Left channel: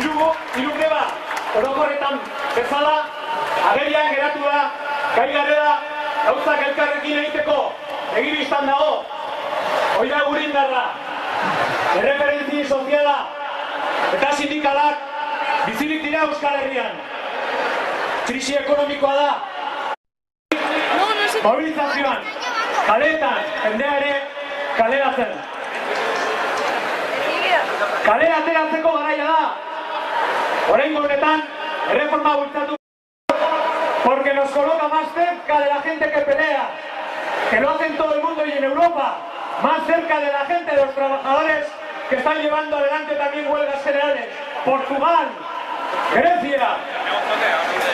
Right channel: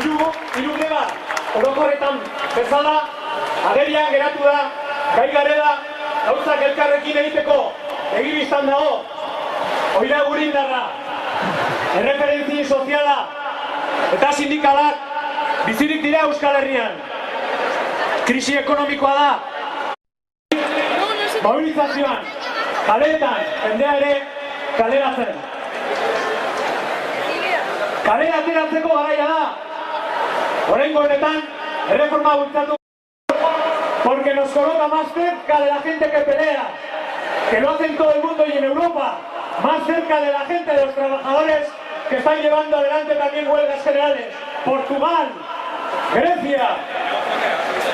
Hiru greba orokorretan bezala agerian geratu da gai garela gauzak elkarrekin egiteko begibistan dago. Hori da gure indarra, erreferentzi soziala eta sindikalak bizirik dira Euskal Herrian. Krisi ekonomikoa da. Mobilizazioan, kaleetan, jendea ere kaleratzen. Kalea ateratzeko garaia da. Oraingo honetan, erreforma bultzatu porque nos coloca más cerca de la gente que pelea, que lo hacen todo el mundo y en Europa, más cerca de la gente, de los trabajadores que están llevando adelante también huelgas generales. Portugal, Grecia,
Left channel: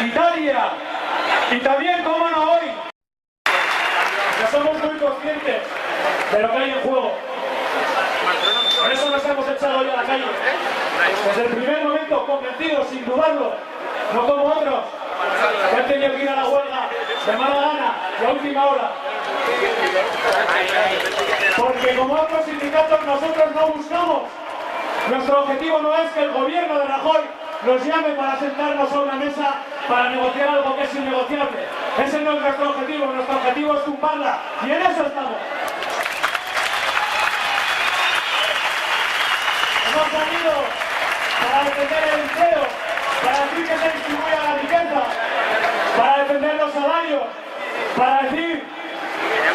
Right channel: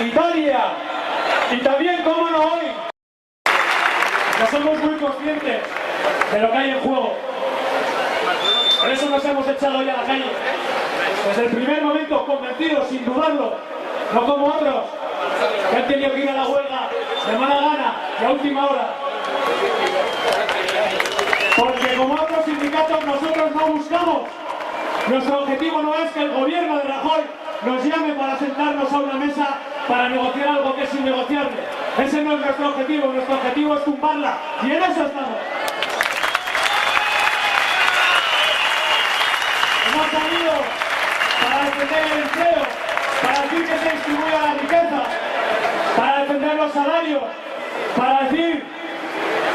Italia y también, cómo no hoy, que somos muy conscientes de lo que hay en juego. Por eso nos hemos echado hoy a la calle. Desde el primer momento, convencidos, sin dudarlo, no como otros, que han tenido que ir a la huelga de mala gana y a última hora. Porque como otros sindicatos nosotros no buscamos. Nuestro objetivo no es que el gobierno de Rajoy nos llame para sentarnos a una mesa para negociar algo que es innegociable. Ese no es nuestro objetivo es tumbarla. Y en eso estamos. Hemos salido para defender el empleo, para decir que se distribuya la riqueza, para defender los salarios, para decir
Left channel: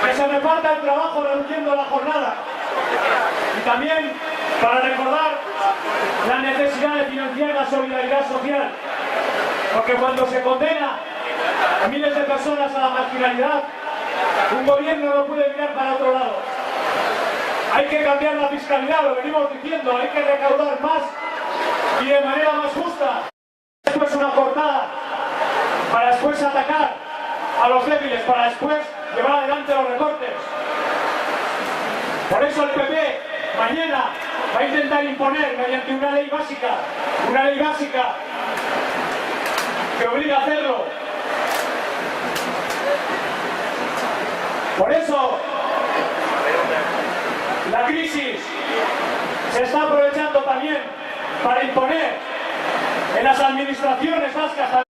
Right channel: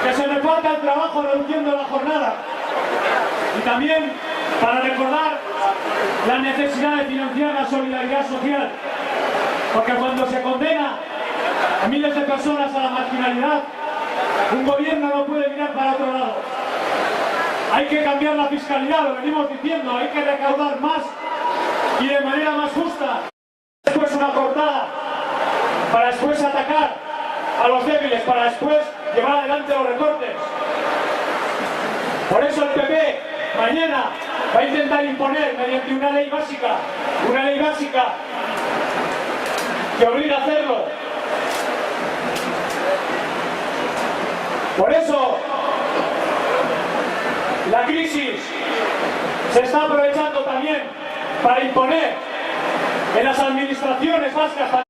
que se reparta el trabajo reduciendo la jornada y también para recordar la necesidad de financiar la solidaridad social, porque cuando se condena a miles de personas a la marginalidad, un gobierno no puede mirar para otro lado. Hay que cambiar la fiscalidad, lo venimos diciendo, hay que recaudar más y de manera más justa. Después una cortada, para después atacar a los débiles, para después llevar adelante los recortes. Por eso el PP mañana va a intentar imponer mediante una ley básica que obliga a hacerlo. Por eso la crisis se está aprovechando también para imponer en las administraciones vascas,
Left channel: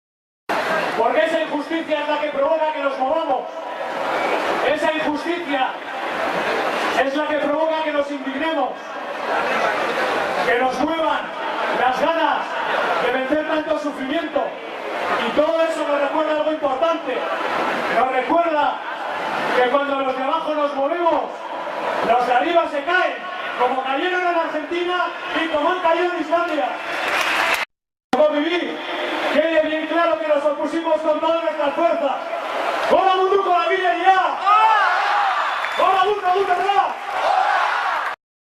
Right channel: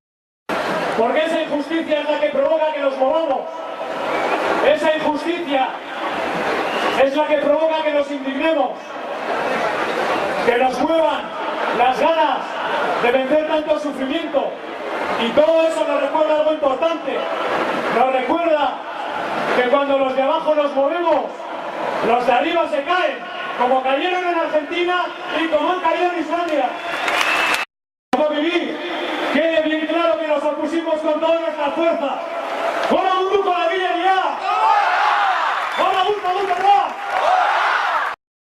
porque esa injusticia es la que provoca que nos movamos. Esa injusticia es la que provoca que nos indignemos, que nos muevan las ganas de vencer tanto sufrimiento. Y todo eso nos recuerda algo importante. Nos recuerda que cuando los de abajo nos movemos, los de arriba se caen, como cayeron en Argentina y como han caído en Islandia. Por vivir, quede bien claro que nos opusimos con toda nuestra fuerza. ¡Hola, Buruko, la Villa! ¡Hola, Buruko,